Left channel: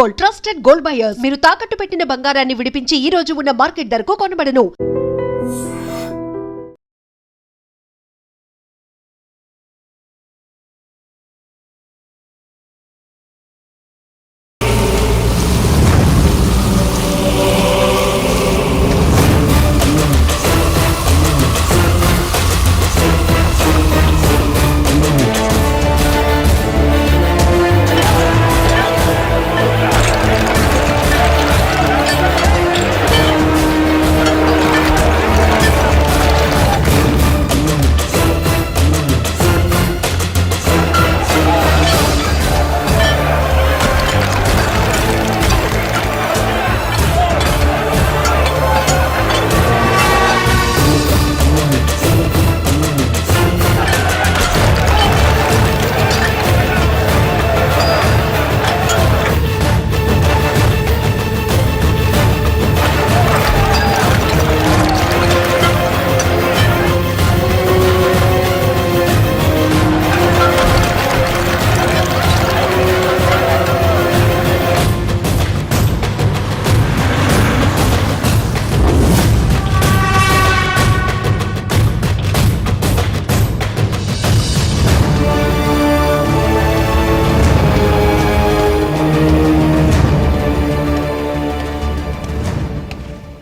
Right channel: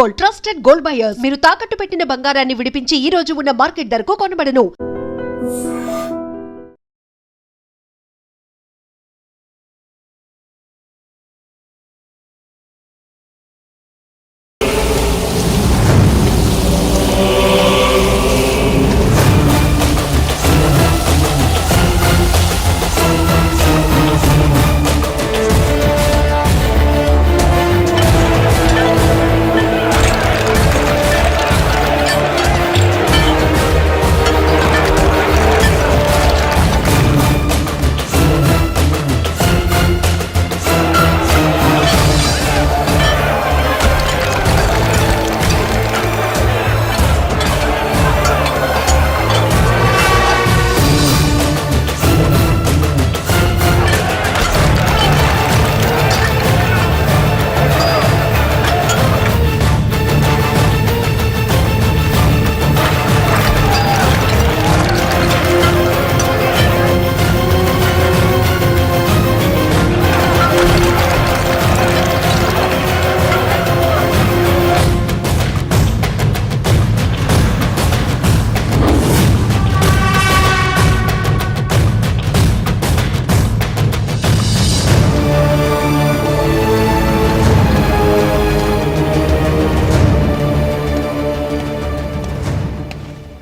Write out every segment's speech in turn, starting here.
Gold, trusted gold buyers. మీరు తాకట్టు పెట్టిన బంగారాన్ని విడిపించి ఈ రోజు ఉన్న మార్కెట్ ధరకు కొనబడను.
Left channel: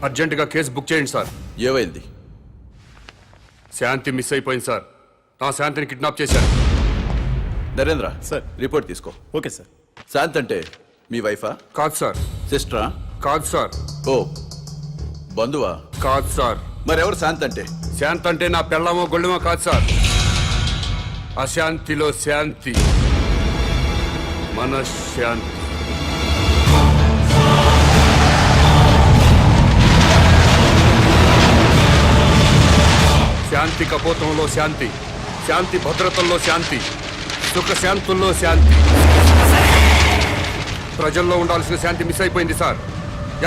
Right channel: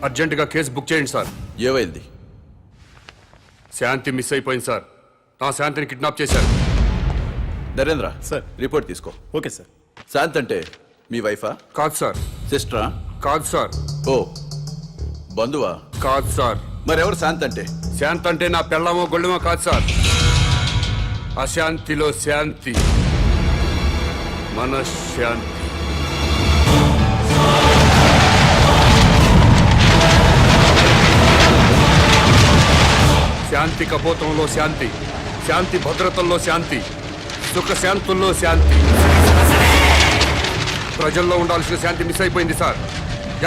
అర్జెంటుగా కేసు బుక్ చేయండి సార్. ఏమైంది? శాంతి మిస్ అయిపోయింది సార్. నా శాంతిని కిడ్నాప్ చేశారు. నరేంద్ర సార్. రిపోర్ట్ తీసుకో. Okay sir. శాంత్ అంటే మీ వైఫా? కాదు సార్. సిస్టరా? కాదు సార్. ఓ బంధువా? కాదు సార్. మరెవరు శాంత్ అంటే? శాంతి అంటే నా పెళ్ళమో గొళ్ళమో కాదు సార్. అశాంతిలో శాంతి, మనశ్శాంతి. శాంతి కపోతంలో శాంతి, శాంతి భద్రతల్లో శాంతి, సుఖశాంతుల్లో శాంతి. ప్రజల్లో ఉండాల్సిన శాంతి మిస్ అయిపోయింది సార్.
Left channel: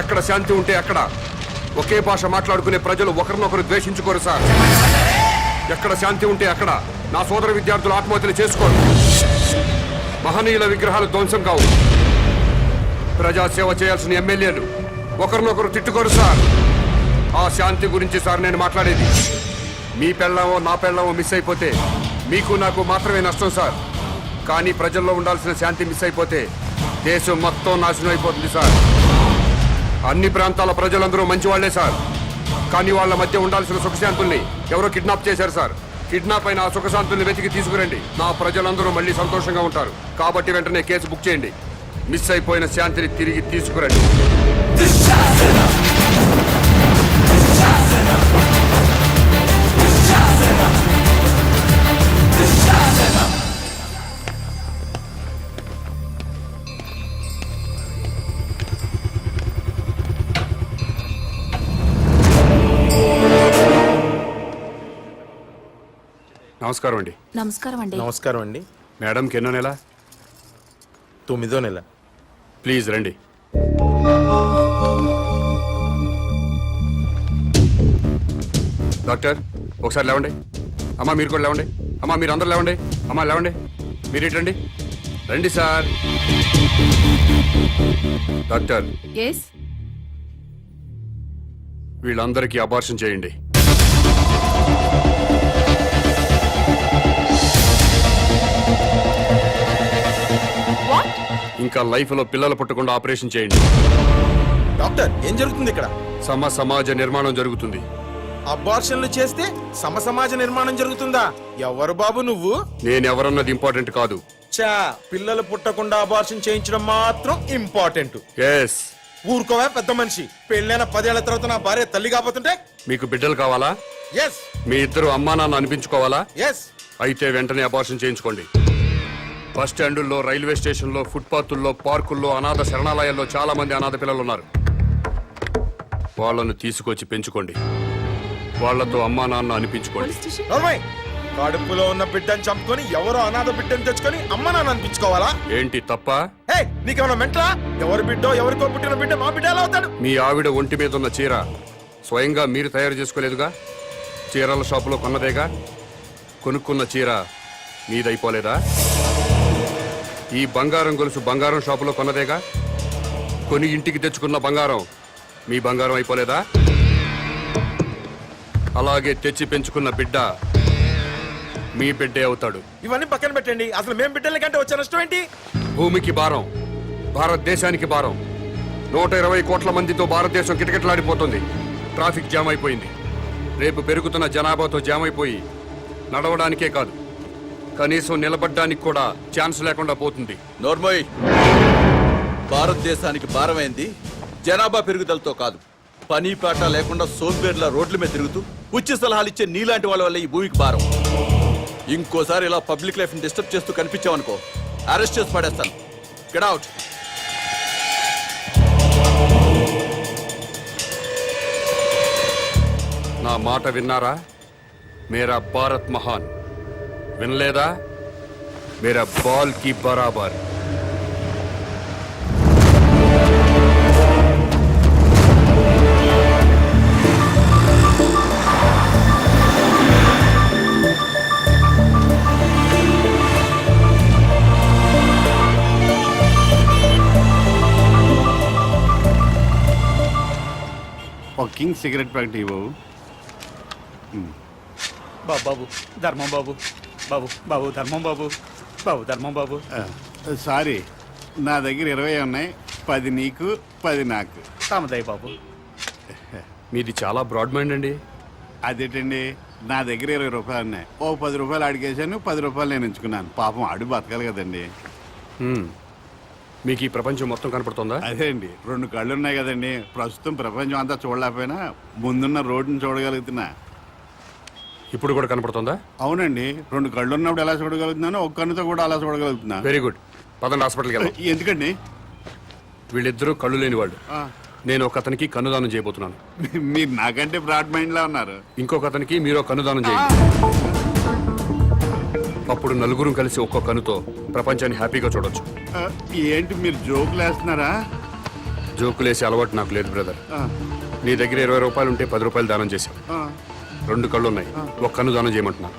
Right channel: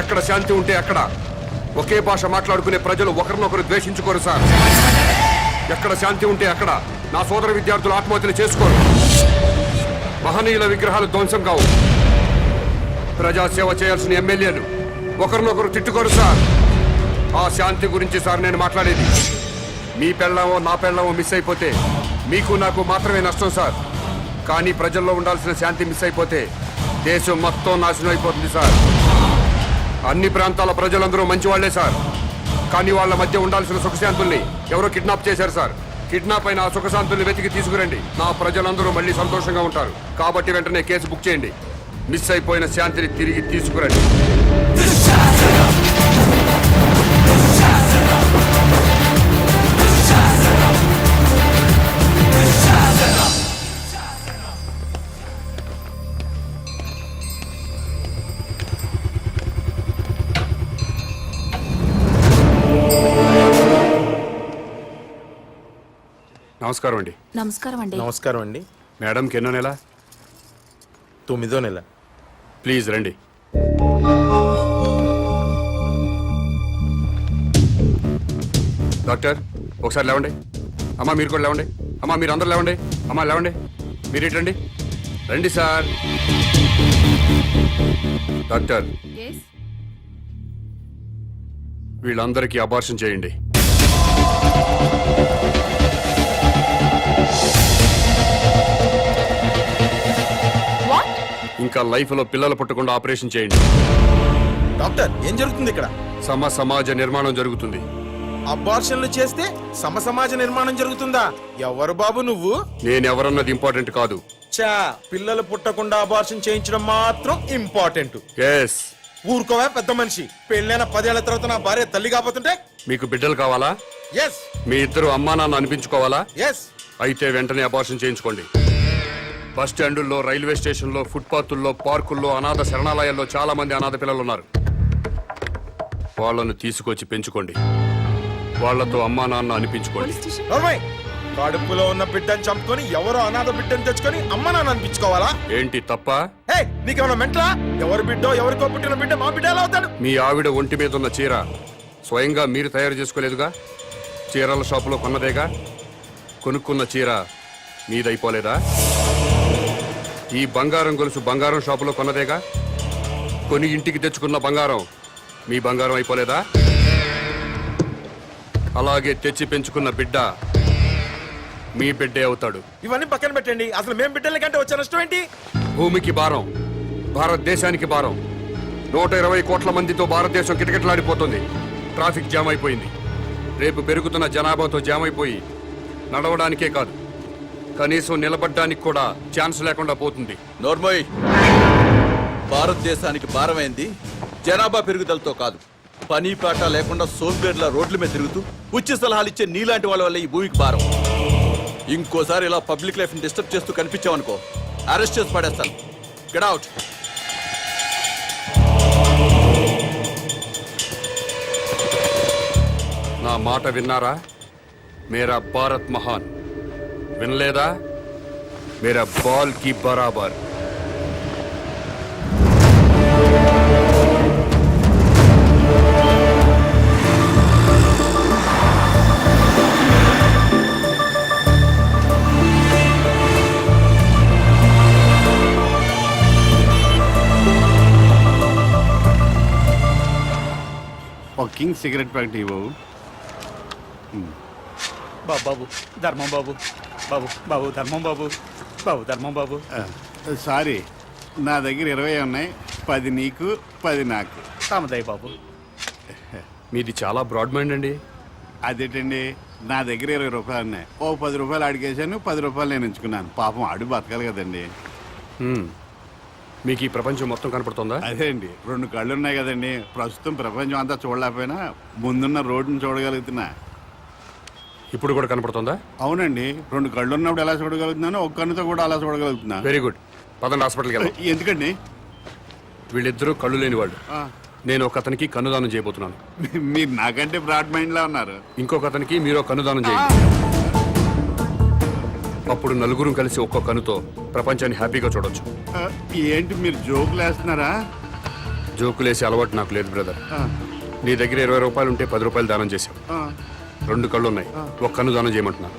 ఎక్కడ శాంతి ఉంటే అక్కడ ఒకే భాష మాట్లాడుకునే ప్రజలు ఒకరినొకరు ద్వేషించుకోరు సార్. ఎక్కడ శాంతి ఉంటే అక్కడ నా సోదర విద్యార్థులు ఆత్మహత్యలు చేసుకోరు. మహనీయుల విగ్రహాలు ధ్వంసం కావు. ప్రజాసేవ చేయాల్సిన ఎమ్మెల్యేలు ఒకరినొకరు తిట్టుకోరు సార్. ఆ శాంతి గురించి సార్ నేను మాట్లాడేది. మీ పెళ్ళామో నా పెళ్ళామో మిస్ అయిపోతే మీకు నాకు మాత్రమే నష్టం సార్. కానీ ప్రజల్లో ఉండాల్సిన శాంతి మిస్ అయిపోతే దేశం మొత్తం నాశనం అయిపోతుంది సార్. అన్ని ప్రాంతాల ప్రజలందరూ మంచివాళ్లే సార్. కానీ వాళ్ళ మధ్య ఉండాల్సిన సుఖశాంతుల్ని ఎవరో కిడ్నాప్ చేశారు సార్. కిడ్నాప్ అయిన ఆ సుఖశాంతుల్ని వెతికి తీసుకురండి. నా ప్రజలందరూ మళ్ళీ సంతోషంగా ఉంటారు. కాబట్టి వెంటనే కేసు బుక్ చేయండి. మిస్ అయిపోయిన శాంతిని తిరిగి తీసుకురండి. నమస్కారం అండి. నమస్కారం అండి. నమస్కారం అండి. మేడంకి ఎన్నో నెల? 9వ నెల. ప్లీజ్ రండి. డాక్టర్ ఒకసారి లేవండి. అమ్మా మీరు కూడా లేవండి. అమ్మా మీరు అందరూ లేవండి. అమ్మా లేవండి. మీరు ఏంటండి? రండి సార్. డాక్టర్ వీళ్ళందరికీ అబార్షన్ చేయండి. ఇంకా లైఫ్ లో పిల్లలు పుట్టకుండా ఆపరేషన్ చేయండి. డాక్టర్ ఏం జరుగుతుంది ఇక్కడ? సమాజ నిర్మాణం జరుగుతుంది. అబార్షన్లు చేస్తే సమాజ నిర్మాణం జరుగుతుందా? ఎవరు బాబు నువ్వు? నేనెవరన్నది ఇంపార్టెంట్ కాదు. చా పిల్లలు పుట్టకుండా అబార్షన్ చేయించడం మాత్రం ఇంపార్టెంట్. ఎస్. ఊరుకోవా పెద్ద మనిషి. పెళ్ళైన 10 ఏళ్ల తర్వాత నా భార్య తల్లి కాబోతుంటే? మీకు బిడ్డలు కావాలా? ఎస్. మీ ఇద్దరు అమ్మా నాన్న అనిపించుకోవాలా? ఎస్. అయితే వెంటనే అబార్షన్ చేయించుకోండి. బస్ స్టాండుల్లో, రైల్వే స్టేషన్లో, ఫుట్పాత్ల్లో, పార్కుల్లో, అనాథ శరణాలయాల్లో చాలా మంది అనాథ పిల్లలు ఉన్నారు. వాళ్ళను తీసుకొచ్చి పెంచుకోండి. వాళ్లతో అమ్మా నాన్న అనిపించుకోండి. కడుపులో ఉన్న బిడ్డను చంపుకొని ఎవరో అనాథ బిడ్డను తెచ్చుకొని అమ్మ నాన్న అనిపించుకోవాలా? ఏంటి తప్ప? నీకేమన్నా మెంట్లా? ఎవరి బిడ్డో ఎవరికో పుట్టిన బిడ్డ మా బిడ్డ ఎలా అవుతాడు? మీ ఆవిడ ఒంటి మీద ఉన్న చీర స్వయంగా మీరు తయారు చేసుకోలేదుగా? చీరల షాపులో కొన్నదేగా? కొనుక్కున్న చీర మీదైపోలేదా? ఈ బంగారం గొలుసు బంగారం షాపులో కొన్నదేగా? కొని ఇంటికి తెచ్చుకున్న బంగారం మీ బంగారం అయిపోలేదా? అలాగే తెచ్చి పెంచుకున్న బిడ్డ మీ బిడ్డే అవుతాడు. ఇవన్నీ పక్కన పెట్టండి. అసలు మేము బిడ్డల కంటే వచ్చే నష్టం ఏంటి? భూమికి భారం, భారతదేశానికి భారం. 120 కోట్ల మందితో భారతదేశం కిటకిటలాడిపోతుంది. ట్రాఫిక్ జామ్ అయిపోయింది. రేపు పెరుగుతున్న జనాభాతో జామ్ అయిపోయి నడవడానికే కాదు, కనీసం నిలబడ్డానికి కూడా ఛాన్స్ లేకుండా పోతుంది. నోర్మోయ్, భారతదేశానికి భారమైంది జనాభా పెరుగుదలతో కాదు, పని పాట లేకుండా సోంబేర్ల రోడ్ల మీద తిరుగుతూ ఉచిత సలహాలు ఇచ్చే నీలాంటి వాళ్ళ వల్ల ఈ భూమికి భారం. ఇంకోసారి ఇలా పబ్లిక్ లైఫ్ ని డిస్టర్బ్ చేస్తూ కనిపించావనుకో, అరెస్ట్ చేసి పడేస్తాను. Get out. నా మాట విన్నారా? మేరా భారత్ మహాన్. వినలేదా? మేరా బాల్ కి బరాబర్. ఒక కింగ్ సిగరెట్ ప్యాకెట్ ఇవ్వవు. బాబు ధర్మం బాబు, బాబు బాబు ధర్మం బాబు, బాబు ధర్మం బాబు. సారీ, నా దగ్గర 20 ఉన్నాయి. 10 నీకు, 10 నాకు. తామదయ్య బాబు. మీది చాలా బ్రాడ్ మైండ్ అండి. అదేంటండి, నా దగ్గర 20 రూపాయలు ఉన్నాయి. ఓ 10 రూపాయలు అడిగేశాను, 10 రూపాయలు నేను ఉంచుకున్నాను. పాపం అడు బతకాలి కదండి. మీకు ఈ ప్రపంచం మొత్తం కనపడుతుందా? అదే అండి, 2 కళ్ళు ఉన్నాయి కదండి. ప్రస్తుతం ప్రపంచం అంతా చూడలేకపోయినా ముందున్న రోడ్డుని చూడగలుగుతున్నా. ఇప్పుడు కూడా కనపడుతుందా? అవునండి, 2 కళ్ళు ఉన్నప్పుడు ఎలా చూడగలుగుతున్నానో ఒక కన్నుతో కూడా అలా చూడగలుగుతున్నా. Very good. పదండి హాస్పిటల్కి వెళ్దాం. ఎందుకండి? వీళ్ళిద్దరూ కళ్ళు లేని వాళ్ళు. నేను ఒక అతనికి కన్నుదానం చేయబోతున్నాను. మీరు నాకంటే బ్రాడ్ మైండ్ లా ఉన్నారు. ఇంకొక అతనికి మీరు కన్నుదానం చేయండి. అప్పుడు నలుగురు కలిసి ఒక్కో కన్నుతో ప్రపంచాన్ని హ్యాపీగా చూడొచ్చు. ఏంటి మీరు జోకులు వేస్తున్నారా? జోకులేసే అలవాటు నాకు లేదు బ్రదర్. నీ దగ్గర 20 రూపాయలు ఉంటే 10 రూపాయలు దానం చేశావు. 2 కళ్ళు ఉన్నాయి, ఒక కన్ను దానం చేయమంటున్నా.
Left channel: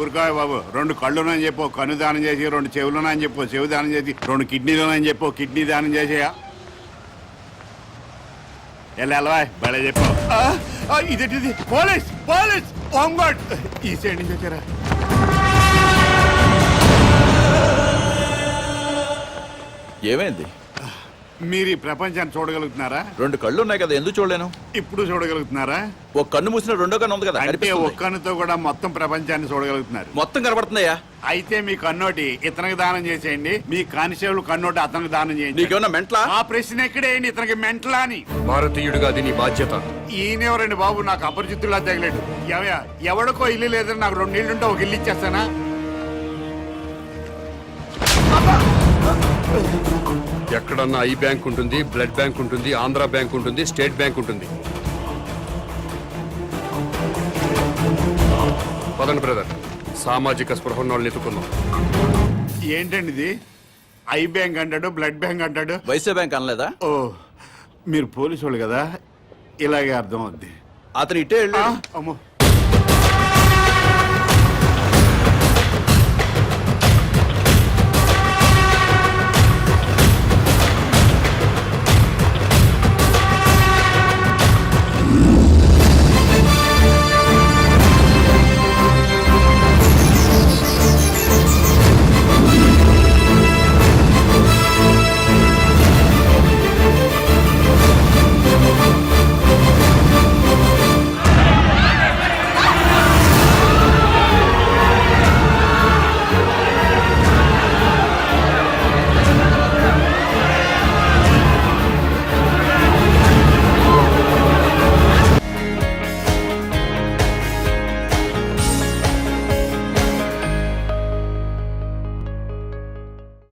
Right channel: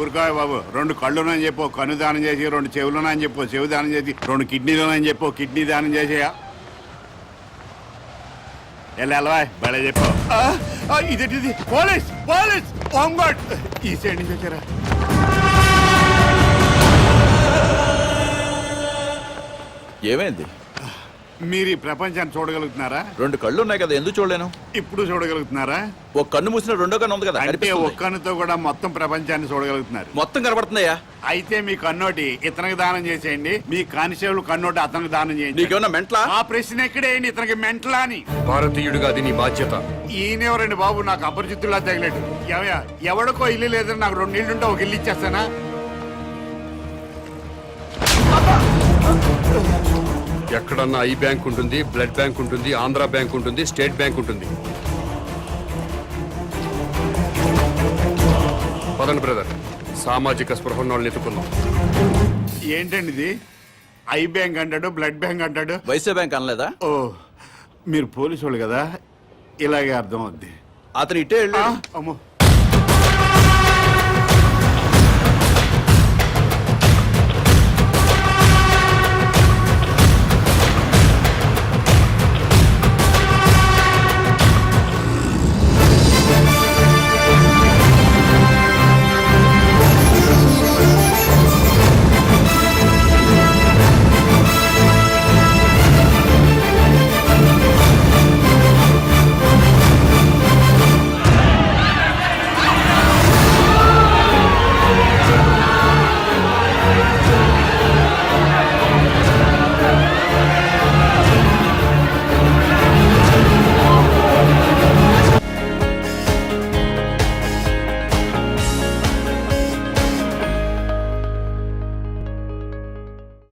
ఊరుకాయ బాబు, 2 కళ్ళునని చెప్పు కన్ను దానం చేసి, 2 చెవులునని చెప్పు చెవు దానం చేసి, 2 కిడ్నీలోనని చెప్పు కిడ్నీ దానం చేసేయా. ఎలా బలే చెప్పు. ఇదేంటిది? పోలీస్ పోలీస్ ఓంగోడ్ ఈ సైడ్ నుంచి వచ్చారా? ఏమైంది? మీరు ఈ ప్రపంచాన్ని చూడగలుగుతున్నారా? 2 కళ్ళు ఉన్నాయి కదా, ఎందుకు చూడలేను? ఇప్పుడు చూడగలుగుతున్నారా? ఒక కన్ను మూసిన రెండో కన్ను ఉంది కదా, అంటే కనిపిస్తుంది. ఒక్క కన్నుతో కూడా మొత్తం ప్రపంచాన్ని చూడగలుగుతున్నారు. మొత్తం కనబడుతుందయ్యా. అయితే మీ కన్నోటి ఇతనికి దానం చేసేయండి, మీ కానిస్టేబుల్ కన్నోటి అతనికి దానం చేయండి. నీకేమన్నా మెంట్లా? ఆ ప్రశ్న ఎక్కడేయండి, ఇతనికి మెంటలా అని. భారతీయుడిగా అది నీ బాధ్యత. ఈయనెవరండి బాబు, నాకు అపరిచితుల్లా తగిలేడు. ఎవడికో ఇల్లు లేదని నాకు 2 ఇళ్ళుంటే ఒక ఇల్లు ఇచ్చేస్తానా? ఎక్కడన్నా ఐ బ్యాంక్ ఉంటుంది, బ్లడ్ బ్యాంక్ ఉంటుంది, ఆంధ్ర బ్యాంక్ ఉంటుంది, స్టేట్ బ్యాంక్ ఉంటుంది. పదండి బ్రదర్, సామాజిక స్పృహ వాళ్ళని ఎత్తుకుందాం. ఏంటండి ఇది? ఐ బ్యాంక్ అంటాడు, బ్లడ్ బ్యాంక్ అంటాడు. వైసే బ్యాంక్ అనలేదా? ఓ, మీరు పోలీసు వాళ్ళు కదా, ఇలాగే అర్థం అవుద్ది. అతను ఇట్టే వెళ్ళాడు. అమ్మో